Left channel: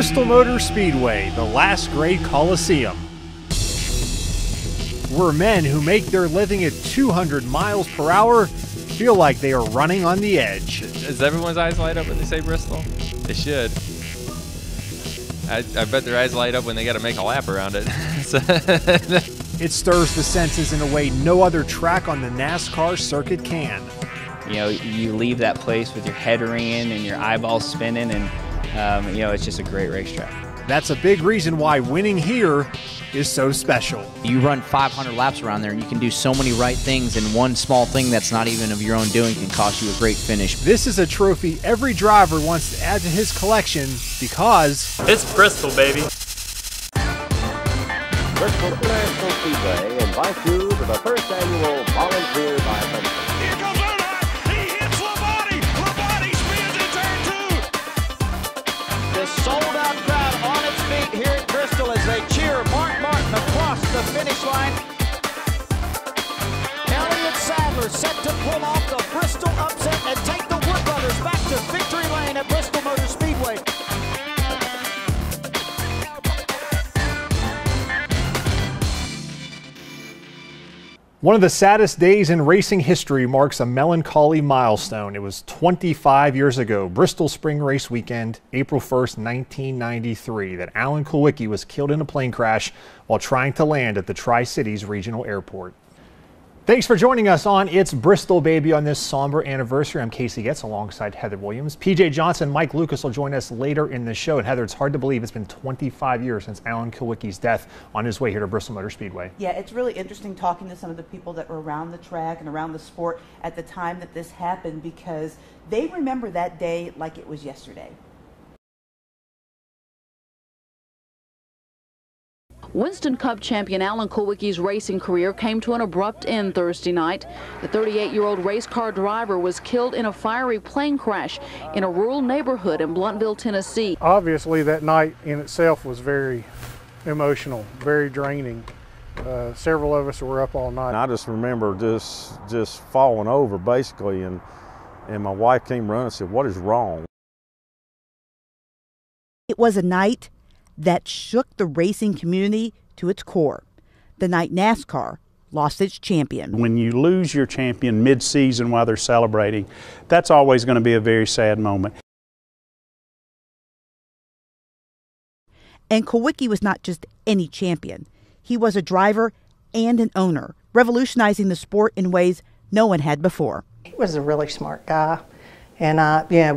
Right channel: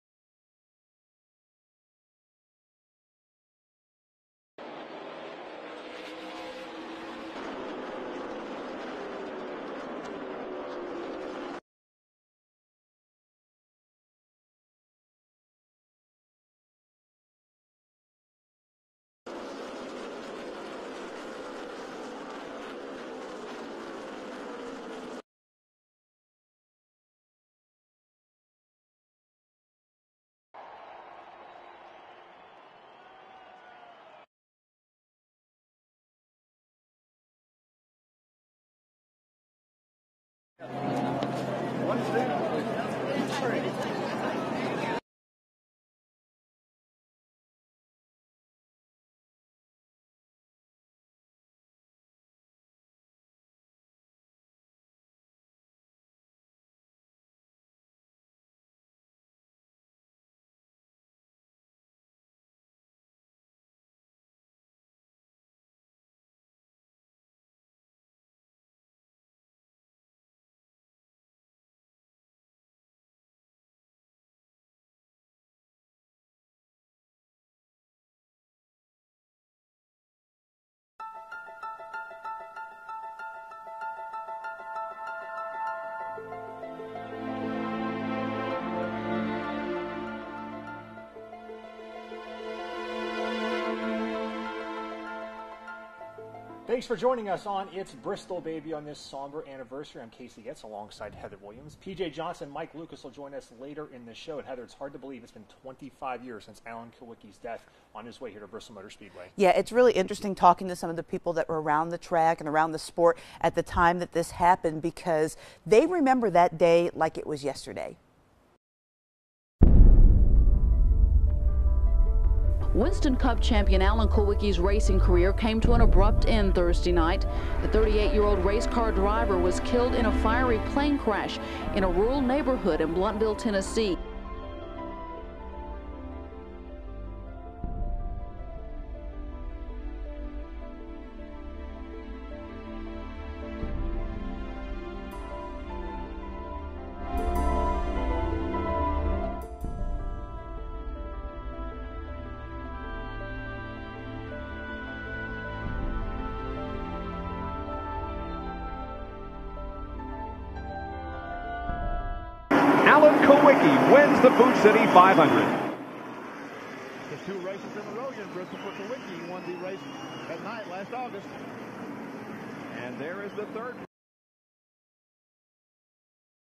Bristol Motor Speedway, the last great Coliseum, where men who make their living at 200 miles per hour feel like they are running on the edge. Does everyone's eyes light up when they say Bristol? They should. I bet their eyes light up when they got to make a lap around it. It stirs the senses in a way no other track on the NASCAR circuit can. You know, you leave that place with your head ringing and your eyeballs spinning, and you know, it's just a great racetrack. That's a big reason why winning here is so special. You run 500 laps around there and you can do so many right things, and one small thing that's not even of your own doing can cost you a great finish. This is a trophy every driver wants to add to his collection because it's Bristol, baby. Bristol International Speedway invites you to the first annual Volunteer by Pension. Here goes Ernest. He hits Labonte. Labonte spins in turn 2. The sold-out crowd on its feet here at Bristol as they cheer Mark Martin across the finish line. Elliott Sadler set to pull off the Bristol upset and take the Wood Brothers back to victory lane at Bristol Motor Speedway. one of the saddest days in racing history marks a melancholy milestone. It was 25 years ago, Bristol Spring Race Weekend, April 1st, 1993, that Alan Kulwicki was killed in a plane crash while trying to land at the Tri-Cities Regional Airport. Thanks for joining us on It's Bristol, Baby on this somber anniversary. I'm Casey Getz alongside Heather Williams. PJ Johnson, Mike Lucas will join us later in the show. And Heather, it's hard to believe it's been 25 years since Alan Kulwicki's death on his way here to Bristol Motor Speedway. Yeah, it's really interesting talking to some of the people that were around the track and around the sport at the time that this happened, because they remember that day like it was yesterday. Winston Cup champion Alan Kulwicki's racing career came to an abrupt end Thursday night. The 38-year-old race car driver was killed in a fiery plane crash in a rural neighborhood in Blunteville, Tennessee. Obviously, that night in itself was very emotional, very draining. Several of us were up all night. I just remember just falling over basically, and my wife came running and said, "What is wrong?" It was a night that shook the racing community to its core. The night NASCAR lost its champion. When you lose your champion mid-season while they're celebrating, that's always going to be a very sad moment. Alan Kulwicki wins the Food City 500. And Kulwicki was not just any champion. He was a driver and an owner, revolutionizing the sport in ways no one had before. He was a really smart guy. And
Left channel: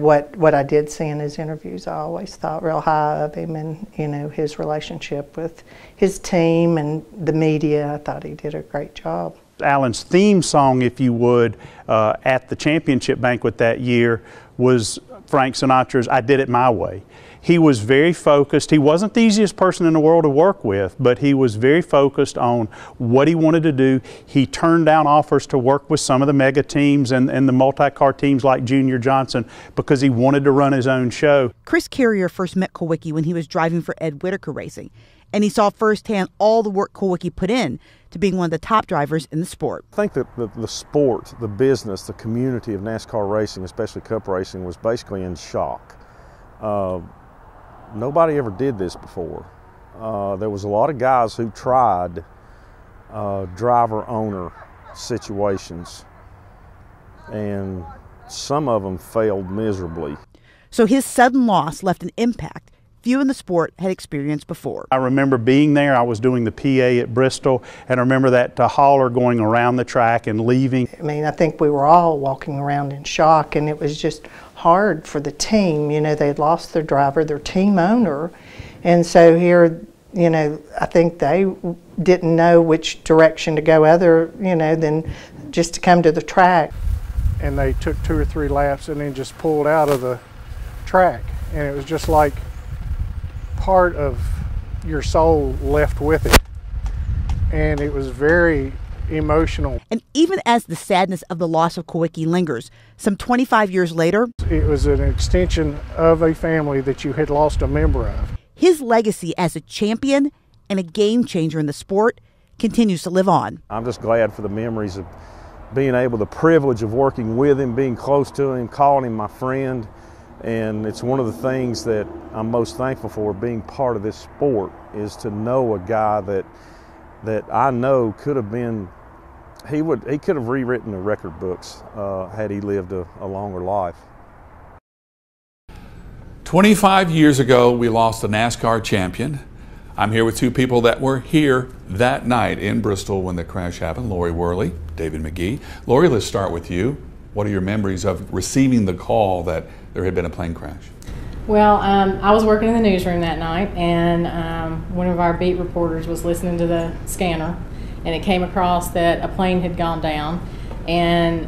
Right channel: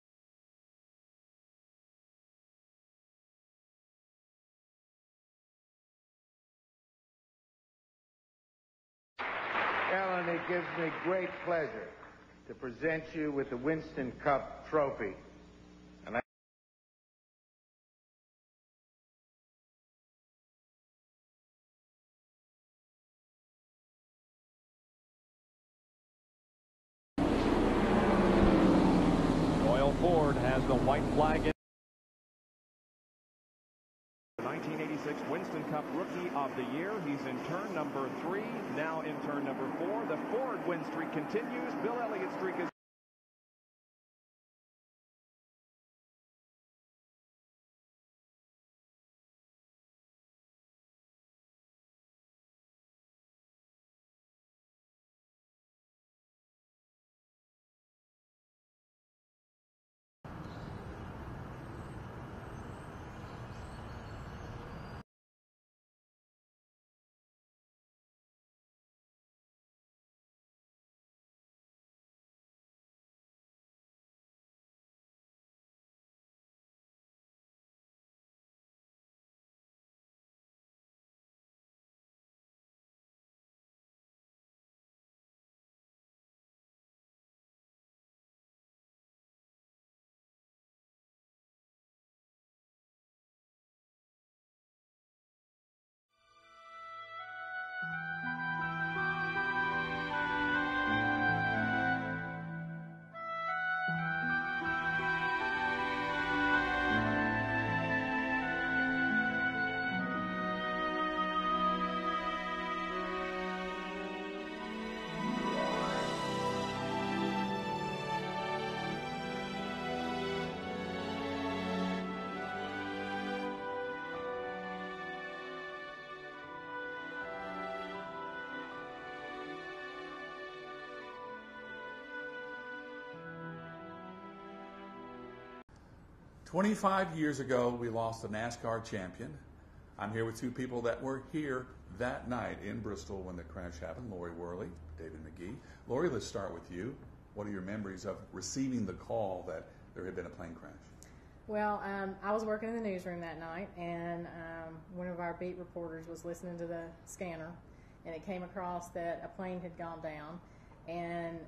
what I did see in his interviews, I always thought real high of him, and his relationship with his team and the media. I thought he did a great job. Alan's theme song, if you would, at the championship banquet that year was Frank Sinatra's "I Did It My Way." He was very focused. He wasn't the easiest person in the world to work with, but he was very focused on what he wanted to do. He turned down offers to work with some of the mega teams and the multi-car teams like Junior Johnson because he wanted to run his own show. Chris Carrier first met Kulwicki when he was driving for Ed Whitaker Racing, and he saw firsthand all the work Kulwicki put in to being one of the top drivers in the sport. I think that the sport, the business, the community of NASCAR racing, especially Cup racing, was basically in shock. Nobody ever did this before. There was a lot of guys who tried driver-owner situations, and some of them failed miserably. So his sudden loss left an impact few in the sport had experienced before. I remember being there. I was doing the PA at Bristol, and I remember that hauler going around the track and leaving. I mean, I think we were all walking around in shock, and it was just hard for the team. They had lost their driver, their team owner, and so here, I think they didn't know which direction to go other, than just to come to the track. And they took 2 or 3 laps and then just pulled out of the track, and it was just like part of your soul left with it, and it was very emotional. And even as the sadness of the loss of Kulwicki lingers, some 25 years later, it was an extension of a family that you had lost a member of. His legacy as a champion and a game changer in the sport continues to live on. I'm just glad for the memories of being able, the privilege of working with him, being close to him, calling him my friend. And it's one of the things that I'm most thankful for being part of this sport, is to know a guy that I know could have been, he could have rewritten the record books had he lived a longer life. 25 years ago, we lost a NASCAR champion. I'm here with two people that were here that night in Bristol when the crash happened, Lori Worley, David McGee. Lori, let's start with you. What are your memories of receiving the call that there had been a plane crash? Well, I was working in the newsroom that night, and one of our beat reporters was listening to the scanner, and it came across that a plane had gone down, and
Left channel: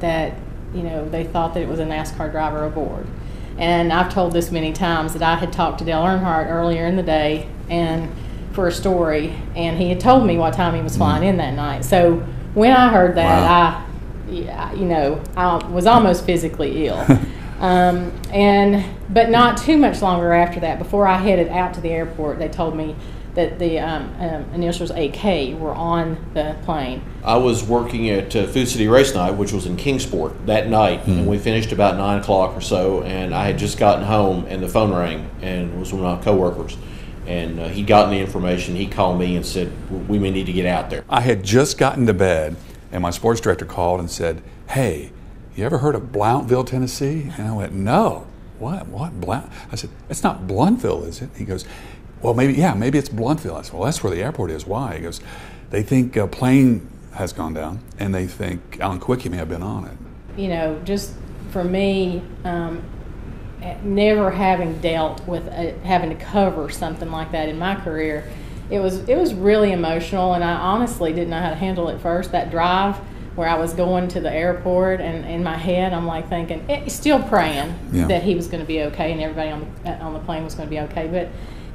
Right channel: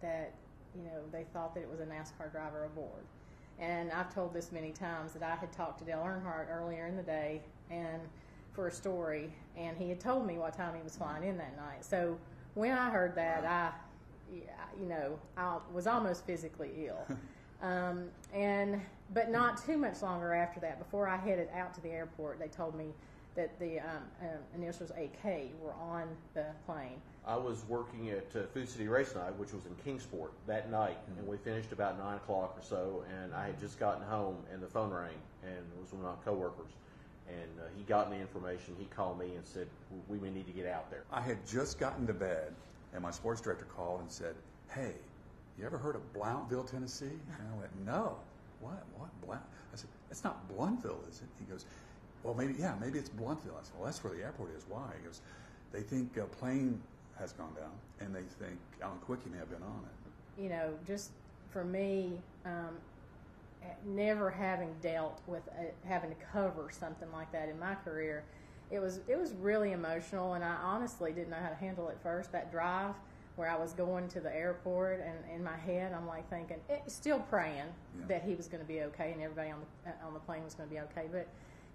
that, you know, they thought that it was a NASCAR driver aboard. And I've told this many times that I had talked to Dale Earnhardt earlier in the day and for a story, and he had told me what time he was flying in that night. So when I heard that, I was almost physically ill. But not too much longer after that, before I headed out to the airport, they told me that the initials AK were on the plane. I was working at Food City Race Night, which was in Kingsport, that night, and we finished about 9 o'clock or so, and I had just gotten home, and the phone rang, and it was one of my coworkers, and he'd gotten the information. He called me and said, we may need to get out there. I had just gotten to bed, and my sports director called and said, hey, you ever heard of Blountville, Tennessee? And I went, no. What? Blount? I said, it's not Bluntville, is it? He goes, well, maybe it's Bluntville. I said, well, that's where the airport is. Why? He goes, they think a plane has gone down, and they think Alan Kulwicki may have been on it. You know, just for me, never having dealt with having to cover something like that in my career, it was really emotional, and I honestly didn't know how to handle it first. That drive where I was going to the airport, and in my head I'm like thinking, still praying that he was going to be okay and everybody on the plane was going to be okay. But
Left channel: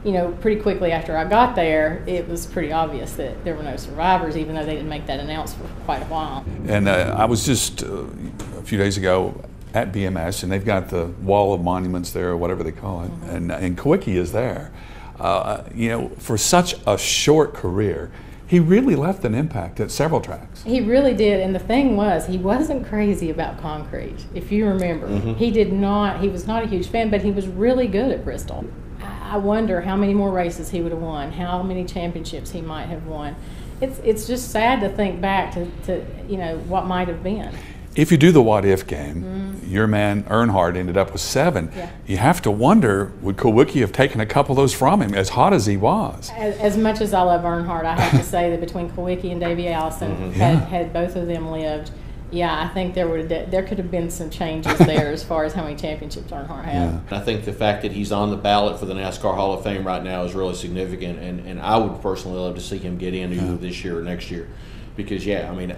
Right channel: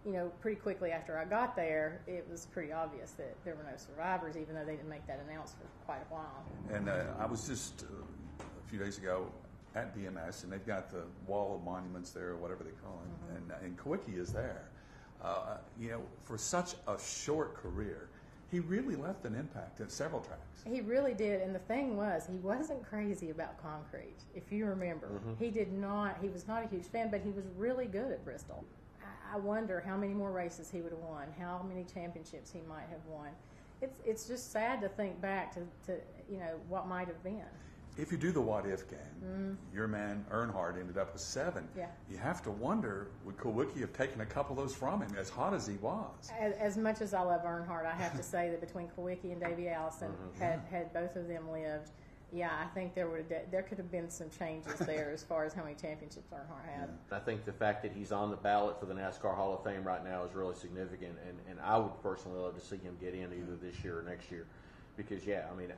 you know, pretty quickly after I got there, it was pretty obvious that there were no survivors, even though they didn't make that announcement for quite a while. And I was just a few days ago at BMS, and they've got the wall of monuments there, or whatever they call it, and Kulwicki is there. You know, for such a short career, he really left an impact at several tracks. He really did, and the thing was, he wasn't crazy about concrete, if you remember. He was not a huge fan, but he was really good at Bristol. I wonder how many more races he would have won, how many championships he might have won. It's just sad to think back to you know, what might have been. If you do the what-if game, your man Earnhardt ended up with 7. Yeah. You have to wonder, would Kulwicki have taken a couple of those from him, as hot as he was? As much as I love Earnhardt, I have to say that between Kulwicki and Davey Allison, had both of them lived, yeah, I think there could have been some changes there as far as how many championships Earnhardt had. I think the fact that he's on the ballot for the NASCAR Hall of Fame right now is really significant, and I would personally love to see him get in either this year or next year, because I mean,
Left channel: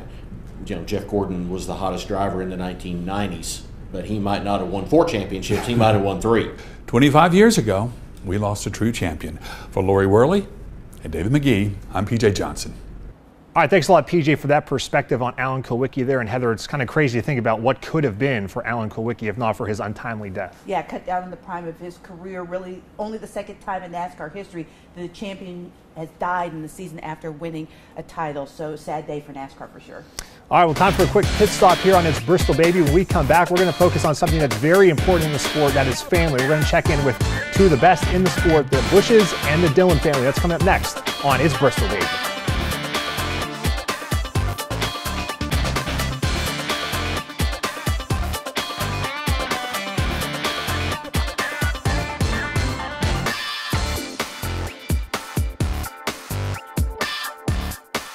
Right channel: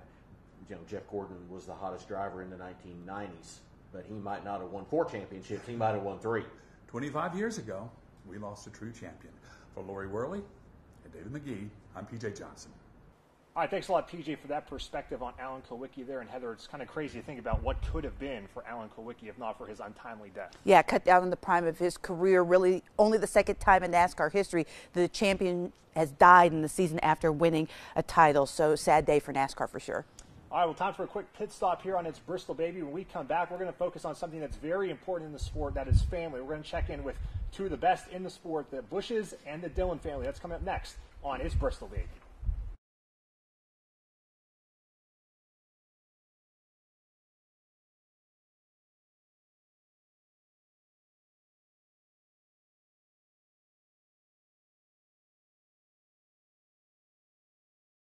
you know, Jeff Gordon was the hottest driver in the 1990s, but he might not have won 4 championships. He might have won 3. 25 years ago, we lost a true champion. For Lori Worley and David McGee, I'm PJ Johnson. All right, thanks a lot, PJ, for that perspective on Alan Kulwicki there. And Heather, it's kind of crazy to think about what could have been for Alan Kulwicki if not for his untimely death. Yeah, cut down in the prime of his career. Really, only the second time in NASCAR history the champion has died in the season after winning a title. So sad day for NASCAR for sure. All right, well, time for a quick pit stop here on It's Bristol, Baby. When we come back, we're going to focus on something that's very important in the sport, that is family. We're going to check in with two of the best in the sport, the Bushes and the Dillon family. That's coming up next on It's Bristol, Baby.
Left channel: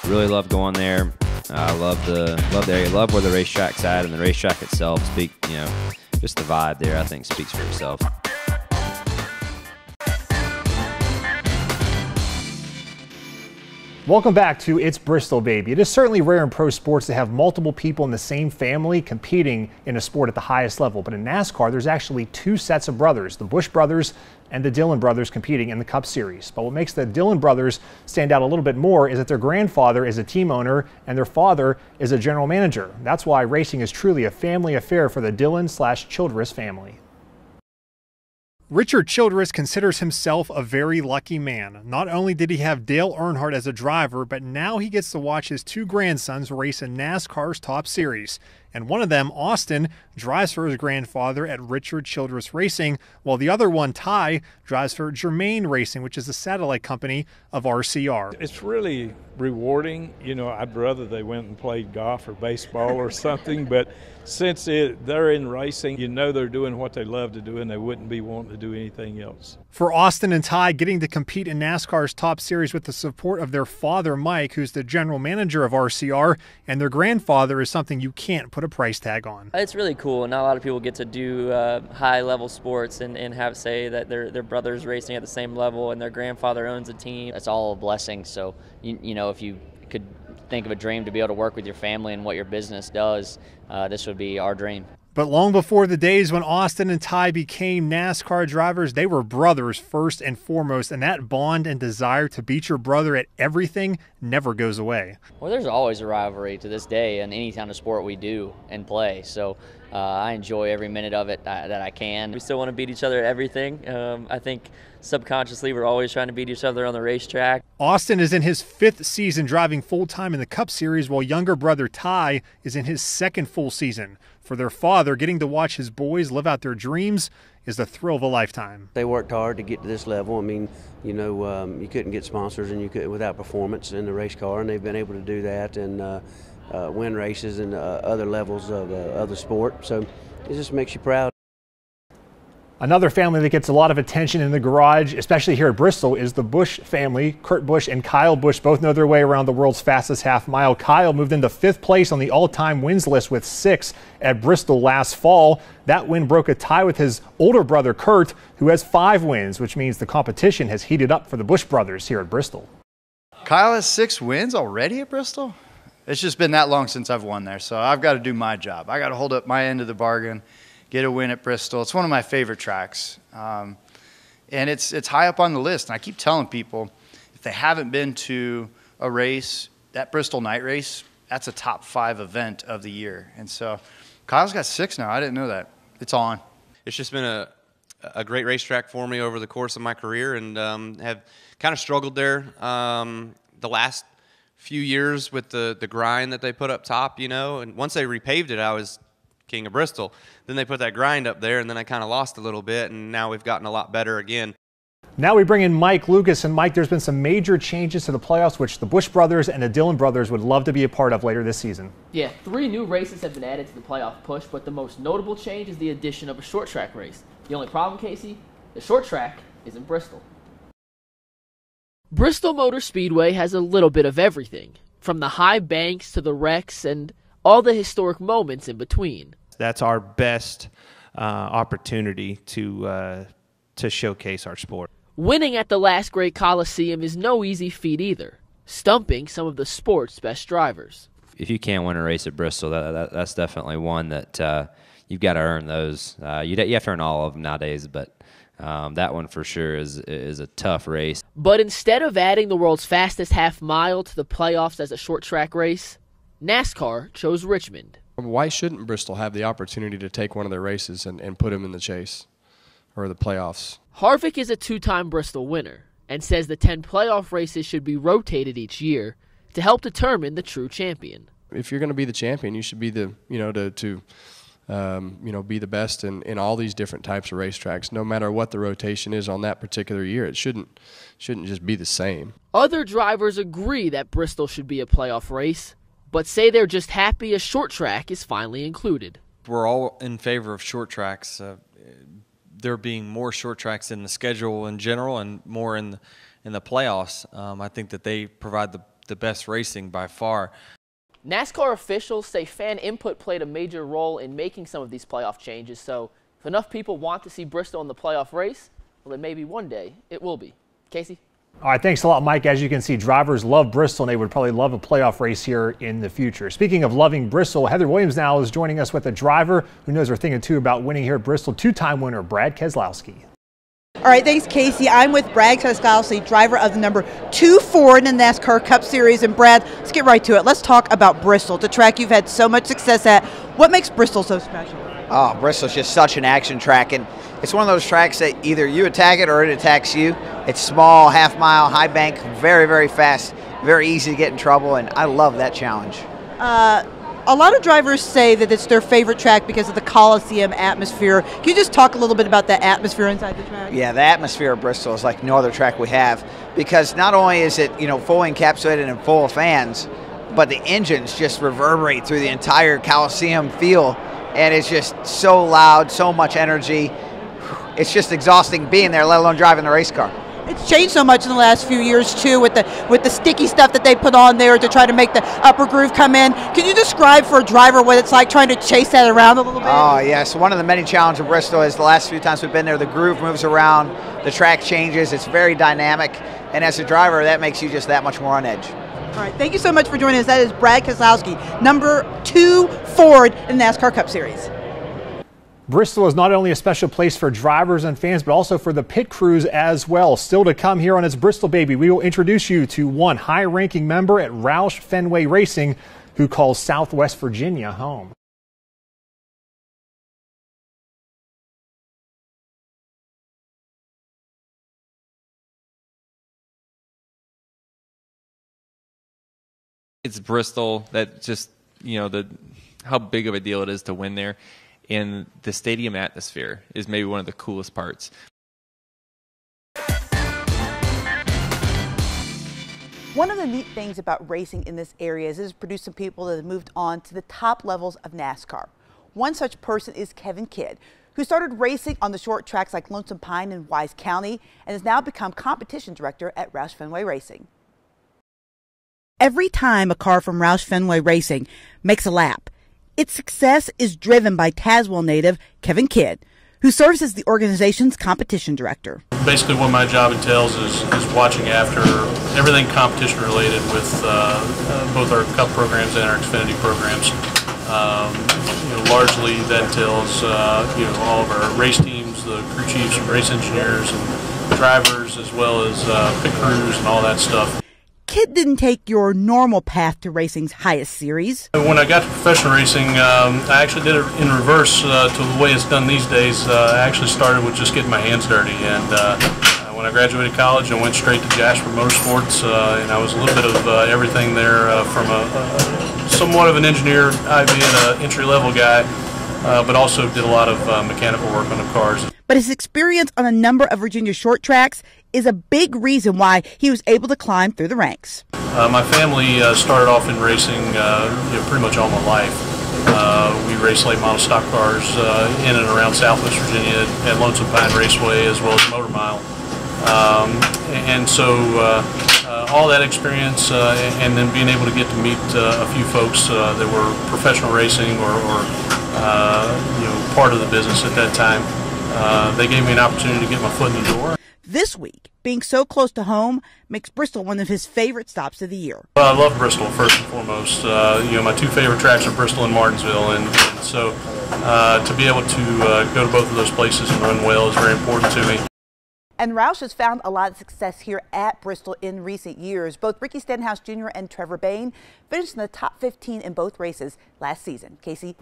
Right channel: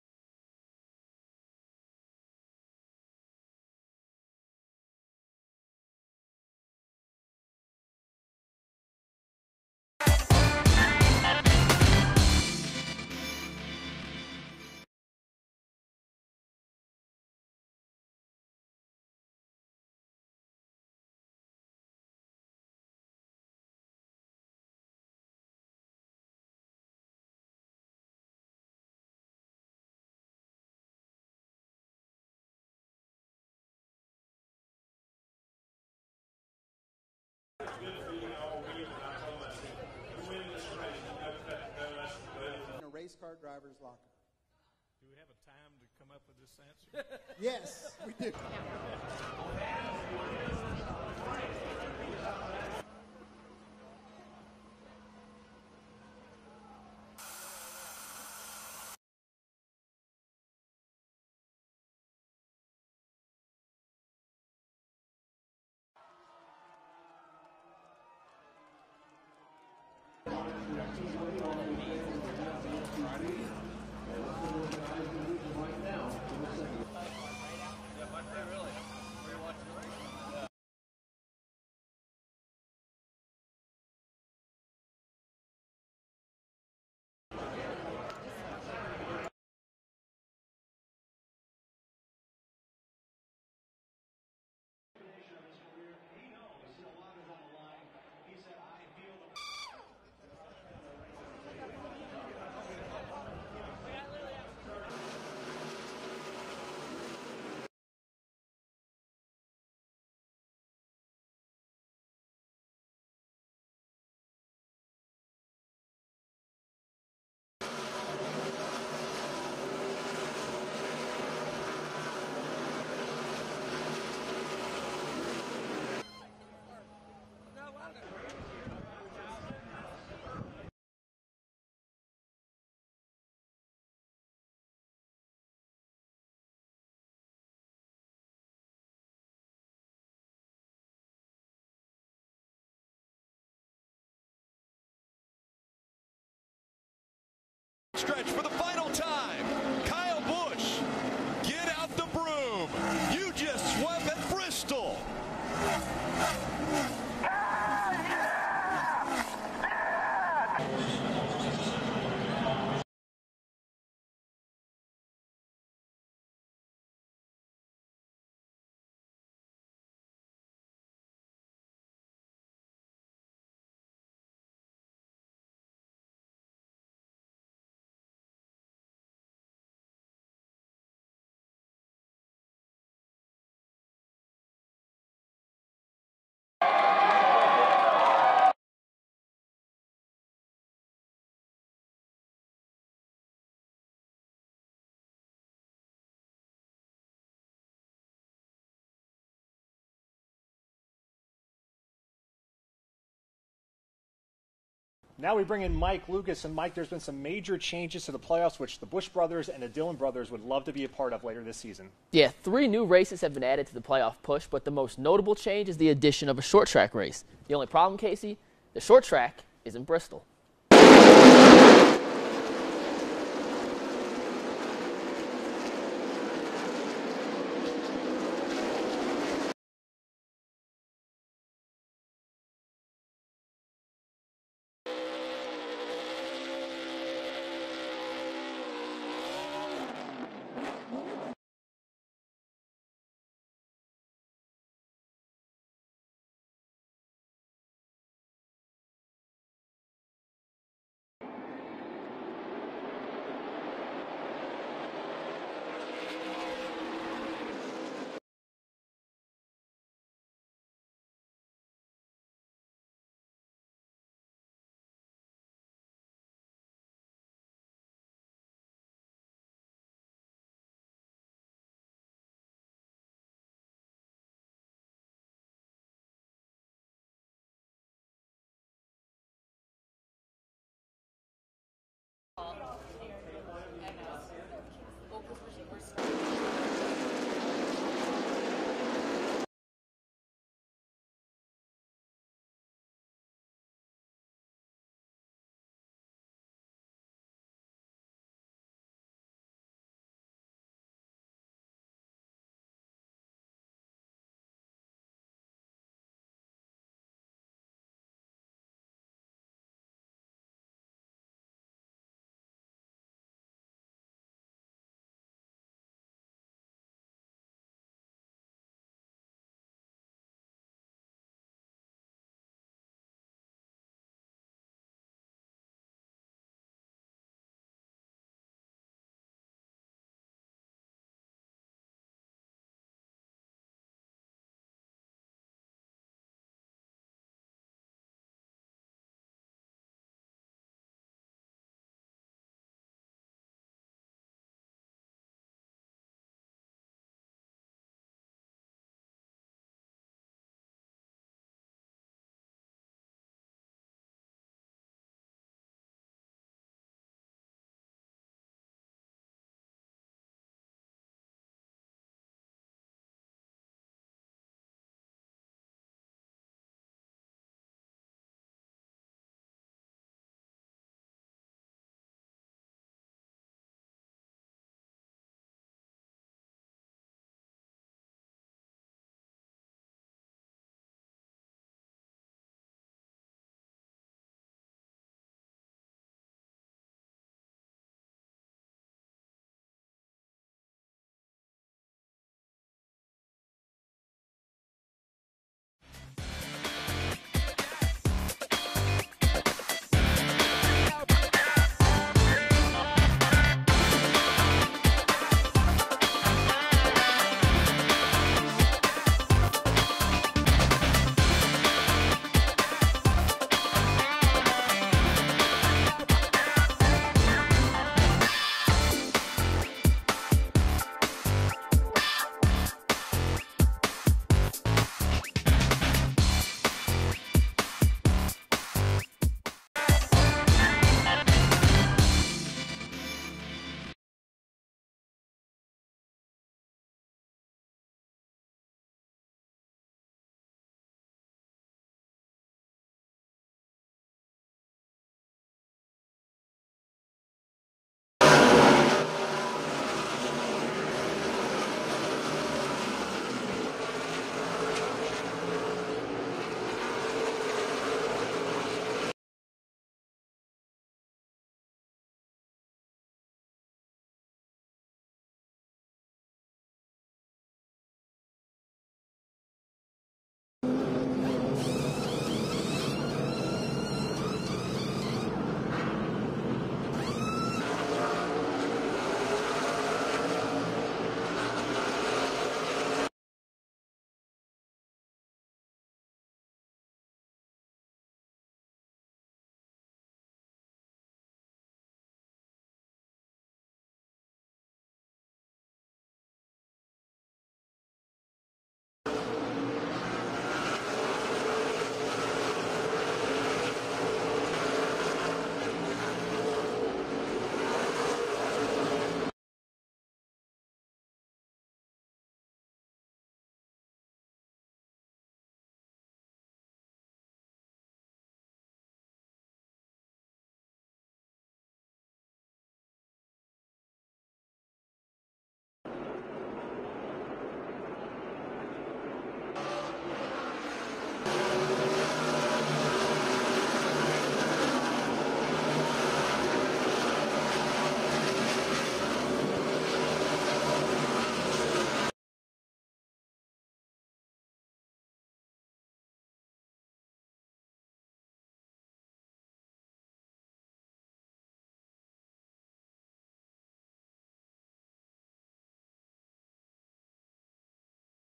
Really love going there. I love the area. Love where the racetrack's at, and the racetrack itself. Just the vibe there, I think, speaks for itself. Welcome back to It's Bristol, Baby. It is certainly rare in pro sports to have multiple people in the same family competing in a sport at the highest level. But in NASCAR, there's actually 2 sets of brothers, the Busch brothers and the Dillon brothers, competing in the Cup Series. But what makes the Dillon brothers stand out a little bit more is that their grandfather is a team owner and their father is a general manager. That's why racing is truly a family affair for the Dillon/Childress family. Richard Childress considers himself a very lucky man. Not only did he have Dale Earnhardt as a driver, but now he gets to watch his two grandsons race in NASCAR's Top Series. And one of them, Austin, drives for his grandfather at Richard Childress Racing, while the other one, Ty, drives for Germain Racing, which is a satellite company of RCR. It's really rewarding. You know, I'd rather they went and played golf or baseball or something, but since they're in racing, you know they're doing what they love to do and they wouldn't be wanting to do anything else. For Austin and Ty, getting to compete in NASCAR's Top Series with the support of their father, Mike, who's the general manager of RCR, and their grandfather is something you can't put a price tag on. It's really cool, and not a lot of people get to do high-level sports and have say that their brother's racing at the same level and their grandfather owns a team. It's all a blessing, so you know, if you could think of a dream to be able to work with your family and what your business does, this would be our dream. But long before the days when Austin and Ty became NASCAR drivers, they were brothers first and foremost, and that bond and desire to beat your brother at everything never goes away. Well, there's always a rivalry to this day in any kind of sport we do and play, so I enjoy every minute of it that I can. We still want to beat each other at everything. I think subconsciously we're always trying to beat each other on the racetrack. Austin is in his 5th season driving full-time in the Cup Series, while younger brother Ty is in his 2nd full season. For their father, getting to watch his boys live out their dreams is the thrill of a lifetime. They worked hard to get to this level. I mean, you know, you couldn't get sponsors and you couldn't without performance in the race car, and they've been able to do that and win races and other levels of the sport. So it just makes you proud. Another family that gets a lot of attention in the garage, especially here at Bristol, is the Busch family. Kurt Busch and Kyle Busch both know their way around the world's fastest half mile. Kyle moved into 5th place on the all-time wins list with 6 at Bristol last fall. That win broke a tie with his older brother Kurt, who has 5 wins, which means the competition has heated up for the Busch brothers here at Bristol. Kyle has 6 wins already at Bristol? It's just been that long since I've won there, so I've got to do my job. I got to hold up my end of the bargain, get a win at Bristol. It's one of my favorite tracks, and it's high up on the list. And I keep telling people, if they haven't been to a race, that Bristol night race, that's a top 5 event of the year. And so Kyle's got 6 now. I didn't know that. It's on. It's just been a great racetrack for me over the course of my career, and have kind of struggled there the last few years with the grind that they put up top, you know. And once they repaved it, I was king of Bristol. Then they put that grind up there, and then I kind of lost a little bit, and now we've gotten a lot better again. Now we bring in Mike Lucas, and Mike, there's been some major changes to the playoffs, which the Busch brothers and the Dillon brothers would love to be a part of later this season. Yeah, 3 new races have been added to the playoff push, but the most notable change is the addition of a short track race. The only problem, Casey, the short track is in Bristol. Bristol Motor Speedway has a little bit of everything, from the high banks to the wrecks and all the historic moments in between. That's our best opportunity to showcase our sport. Winning at the last great Coliseum is no easy feat either, stumping some of the sport's best drivers. If you can't win a race at Bristol, that's definitely one that you've got to earn those. You have to earn all of them nowadays, but that one for sure is a tough race. But instead of adding the world's fastest half mile to the playoffs as a short track race, NASCAR chose Richmond. Why shouldn't Bristol have the opportunity to take one of their races and put them in the chase or the playoffs? Harvick is a 2-time Bristol winner and says the 10 playoff races should be rotated each year to help determine the true champion. If you're going to be the champion, you should be the be the best in all these different types of racetracks, no matter what the rotation is on that particular year. It shouldn't just be the same. Other drivers agree that Bristol should be a playoff race, but say they're just happy a short track is finally included. We're all in favor of short tracks. There being more short tracks in the schedule in general and more in the playoffs. I think that they provide the best racing by far. NASCAR officials say fan input played a major role in making some of these playoff changes, so if enough people want to see Bristol in the playoff race, well, then maybe one day it will be. Casey? All right, thanks a lot, Mike. As you can see, drivers love Bristol, and they would probably love a playoff race here in the future. Speaking of loving Bristol, Heather Williams now is joining us with a driver who knows her thing or two about winning here at Bristol, 2-time winner Brad Keselowski. All right, thanks, Casey. I'm with Brad Keselowski, driver of the number 2 Ford in the NASCAR Cup Series. And Brad, let's get right to it. Let's talk about Bristol, the track you've had so much success at. What makes Bristol so special? Oh, Bristol's just such an action track, and it's one of those tracks that either you attack it or it attacks you. It's small, half-mile, high bank, very, very fast, very easy to get in trouble, and I love that challenge. A lot of drivers say that it's their favorite track because of the Coliseum atmosphere. Can you just talk a little bit about the atmosphere inside the track? Yeah, the atmosphere of Bristol is like no other track we have, because not only is it, fully encapsulated and full of fans, but the engines just reverberate through the entire Coliseum feel, and it's just so loud, so much energy. It's just exhausting being there, let alone driving the race car. It's changed so much in the last few years too, with the sticky stuff that they put on there to try to make the upper groove come in. Can you describe for a driver what it's like trying to chase that around a little bit? Oh yes, one of the many challenges of Bristol is the last few times we've been there, the groove moves around, the track changes, it's very dynamic, and as a driver, that makes you just that much more on edge. All right, thank you so much for joining us. That is Brad Keselowski, number 2 Ford in the NASCAR Cup Series. Bristol is not only a special place for drivers and fans, but also for the pit crews as well. Still to come here on It's Bristol Baby, we will introduce you to one high-ranking member at Roush Fenway Racing who calls Southwest Virginia home. It's Bristol. That just, how big of a deal it is to win there. And the stadium atmosphere is maybe one of the coolest parts. One of the neat things about racing in this area is it has produced some people that have moved on to the top levels of NASCAR. One such person is Kevin Kidd, who started racing on the short tracks like Lonesome Pine in Wise County and has now become competition director at Roush Fenway Racing. Every time a car from Roush Fenway Racing makes a lap, its success is driven by Tazewell native Kevin Kidd, who serves as the organization's competition director. Basically what my job entails is watching after everything competition related with both our Cup programs and our Xfinity programs. Largely that entails all of our race teams, the crew chiefs and race engineers and drivers, as well as pit crews and all that stuff. Kidd didn't take your normal path to racing's highest series. When I got to professional racing, I actually did it in reverse to the way it's done these days. I actually started with just getting my hands dirty, and when I graduated college, I went straight to Jasper Motorsports, and I was a little bit of everything there, from somewhat of an engineer, albeit an entry-level guy, but also did a lot of mechanical work on the cars. But his experience on a number of Virginia short tracks is a big reason why he was able to climb through the ranks. My family started off in racing pretty much all my life. We raced late model stock cars in and around Southwest Virginia at Lonesome Pine Raceway, as well as Motor Mile. And so all that experience and then being able to get to meet a few folks that were professional racing or part of the business at that time, they gave me an opportunity to get my foot in the door. This week, being so close to home makes Bristol one of his favorite stops of the year. Well, I love Bristol first and foremost. My 2 favorite tracks are Bristol and Martinsville, and so to be able to go to both of those places and run well is very important to me. And Roush has found a lot of success here at Bristol in recent years. Both Ricky Stenhouse Jr. and Trevor Bayne finished in the top 15 in both races last season. Casey?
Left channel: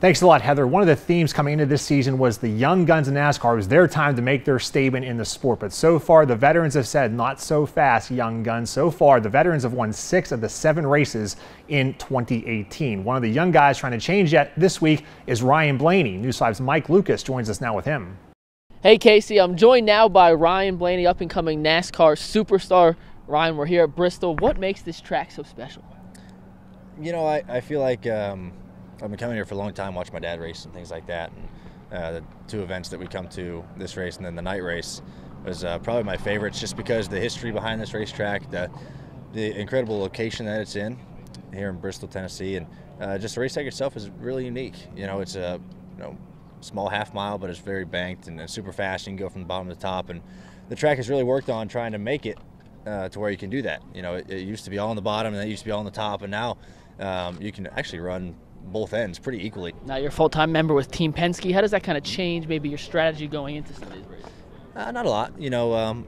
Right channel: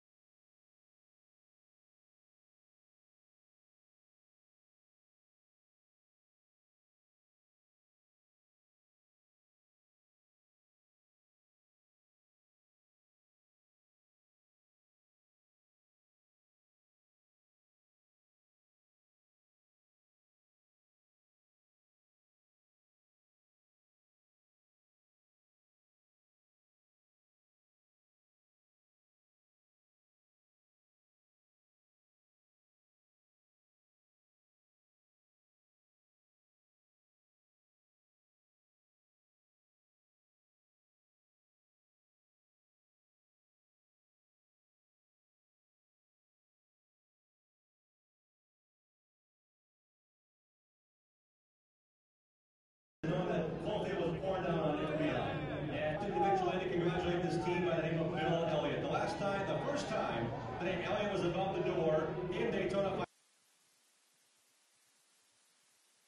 Thanks a lot, Heather. One of the themes coming into this season was the young guns in NASCAR. It was their time to make their statement in the sport. But so far, the veterans have said, not so fast, young guns. So far, the veterans have won 6 of the 7 races in 2018. One of the young guys trying to change that this week is Ryan Blaney. News 5's Mike Lucas joins us now with him. Hey, Casey. I'm joined now by Ryan Blaney, up-and-coming NASCAR superstar. Ryan, we're here at Bristol. What makes this track so special? I feel like I've been coming here for a long time, watching my dad race and things like that. And the 2 events that we come to, this race and then the night race, was probably my favorites, just because the history behind this racetrack, the incredible location that it's in here in Bristol, Tennessee, and just the racetrack itself is really unique. It's a small half mile, but it's very banked and super fast. You can go from the bottom to the top, and the track has really worked on trying to make it to where you can do that. It used to be all on the bottom and it used to be all on the top, and now you can actually run both ends pretty equally. Now you're a full-time member with Team Penske. How does that kind of change maybe your strategy going into Sunday's race? Not a lot.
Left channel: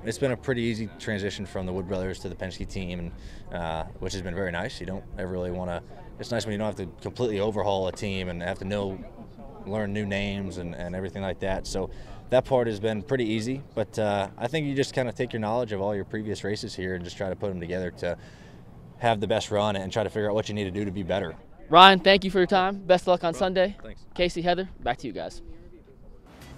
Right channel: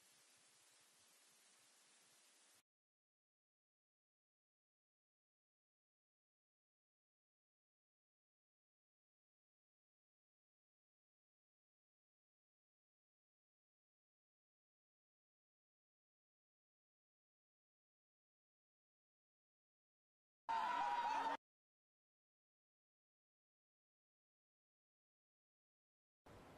It's been a pretty easy transition from the Wood Brothers to the Penske team, and which has been very nice. You don't ever really want to. It's nice when you don't have to completely overhaul a team and have to know learn new names and everything like that. So that part has been pretty easy, but I think you just kind of take your knowledge of all your previous races here and just try to put them together to have the best run and try to figure out what you need to do to be better. Ryan, thank you for your time. Best of luck on Sunday. Thanks. Casey, Heather, back to you guys.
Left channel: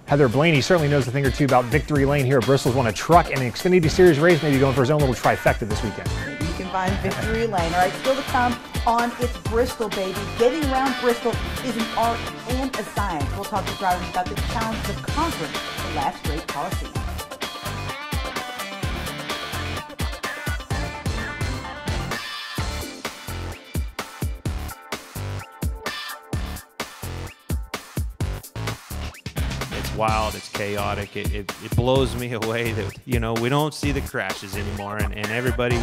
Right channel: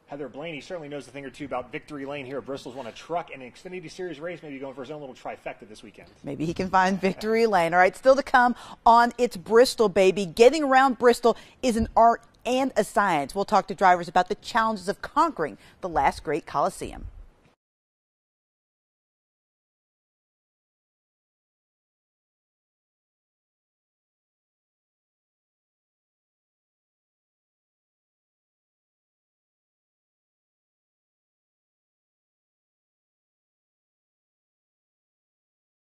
Heather Blaney certainly knows a thing or two about Victory Lane here at Bristol's won a truck and an Xfinity Series race, maybe going for his own little trifecta this weekend. Maybe he can find Victory Lane. All right, still to come on It's Bristol, baby. Getting around Bristol is an art and a science. We'll talk to drivers about the challenges of conquering the last great Coliseum. Wild, it's chaotic. It blows me away that, you know, we don't see the crashes anymore, and everybody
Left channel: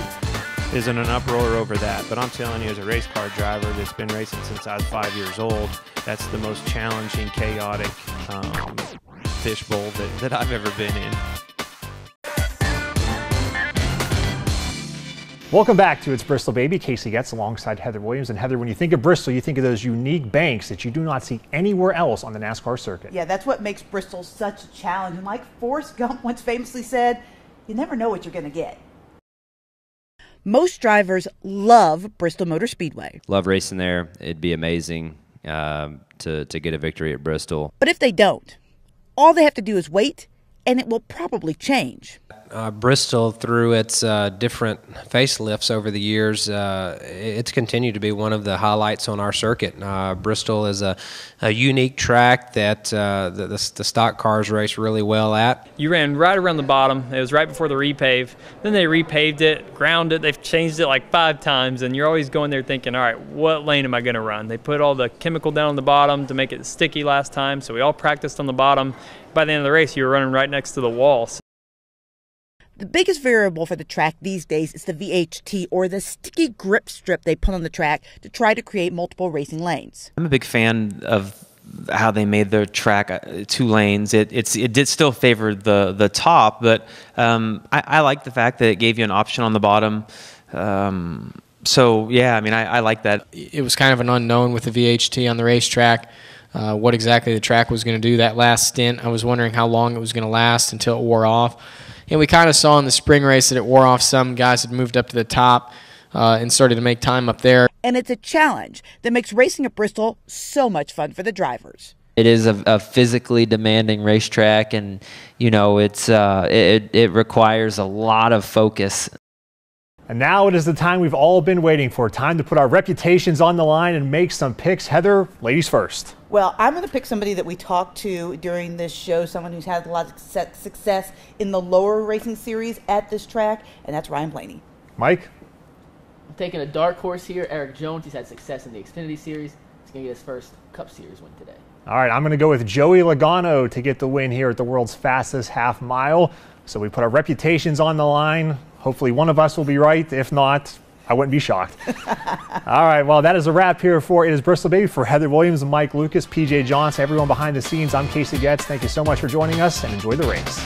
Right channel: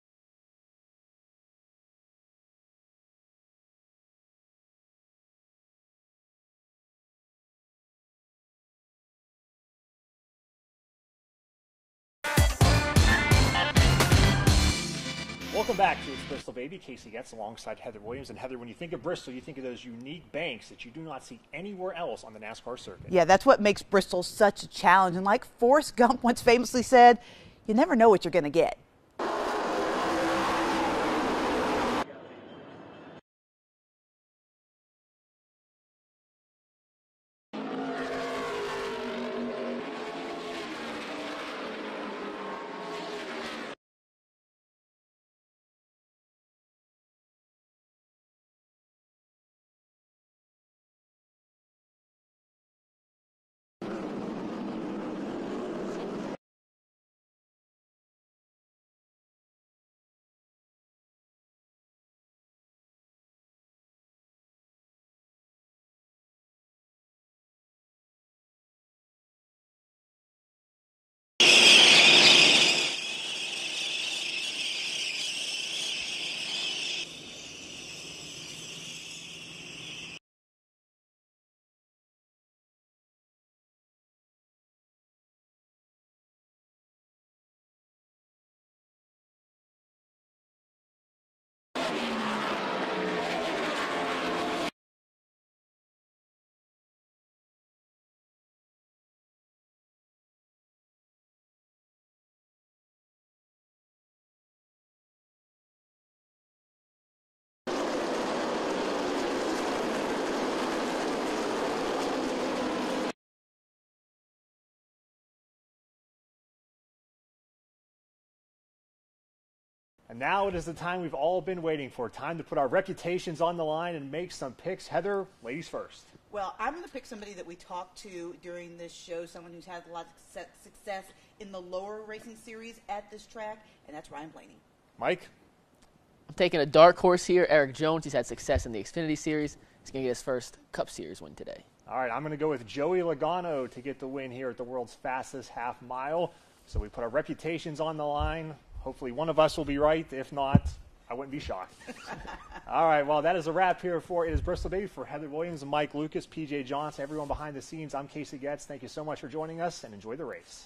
is in an uproar over that. But I'm telling you, as a race car driver that's been racing since I was 5 years old, that's the most challenging, chaotic fishbowl that I've ever been in. Welcome back to It's Bristol, baby. Casey Getz alongside Heather Williams. And Heather, when you think of Bristol, you think of those unique banks that you do not see anywhere else on the NASCAR circuit. Yeah, that's what makes Bristol such a challenge. And like Forrest Gump once famously said, you never know what you're going to get. Most drivers love Bristol Motor Speedway. Love racing there. It'd be amazing to get a victory at Bristol. But if they don't, all they have to do is wait, and it will probably change. Bristol, through its different facelifts over the years, it's continued to be one of the highlights on our circuit. Bristol is a unique track that the stock cars race really well at. You ran right around the bottom. It was right before the repave. Then they repaved it, ground it. They've changed it like 5 times, and you're always going there thinking, all right, what lane am I going to run? They put all the chemical down on the bottom to make it sticky last time, so we all practiced on the bottom. By the end of the race, you were running right next to the walls. The biggest variable for the track these days is the VHT, or the sticky grip strip they put on the track to try to create multiple racing lanes. I'm a big fan of how they made their track 2 lanes. It did still favor the top, but I like the fact that it gave you an option on the bottom. So yeah, I mean, I like that. It was kind of an unknown with the VHT on the racetrack. What exactly the track was going to do that last stint. I was wondering how long it was going to last until it wore off. And we kind of saw in the spring race that it wore off. Some guys had moved up to the top and started to make time up there. And it's a challenge that makes racing at Bristol so much fun for the drivers. It is a physically demanding racetrack, and you know it requires a lot of focus. And now it is the time we've all been waiting for. Time to put our reputations on the line and make some picks. Heather, ladies first. Well, I'm going to pick somebody that we talked to during this show, someone who's had a lot of success in the lower racing series at this track, and that's Ryan Blaney. Mike? I'm taking a dark horse here, Eric Jones. He's had success in the Xfinity Series. He's going to get his first Cup Series win today. All right, I'm going to go with Joey Logano to get the win here at the world's fastest half mile. So we put our reputations on the line. Hopefully one of us will be right. If not, I wouldn't be shocked. All right, well, that is a wrap here for It Is Bristol, baby. For Heather Williams, Mike Lucas, PJ Johnson, everyone behind the scenes, I'm Casey Getz. Thank you so much for joining us, and enjoy the race.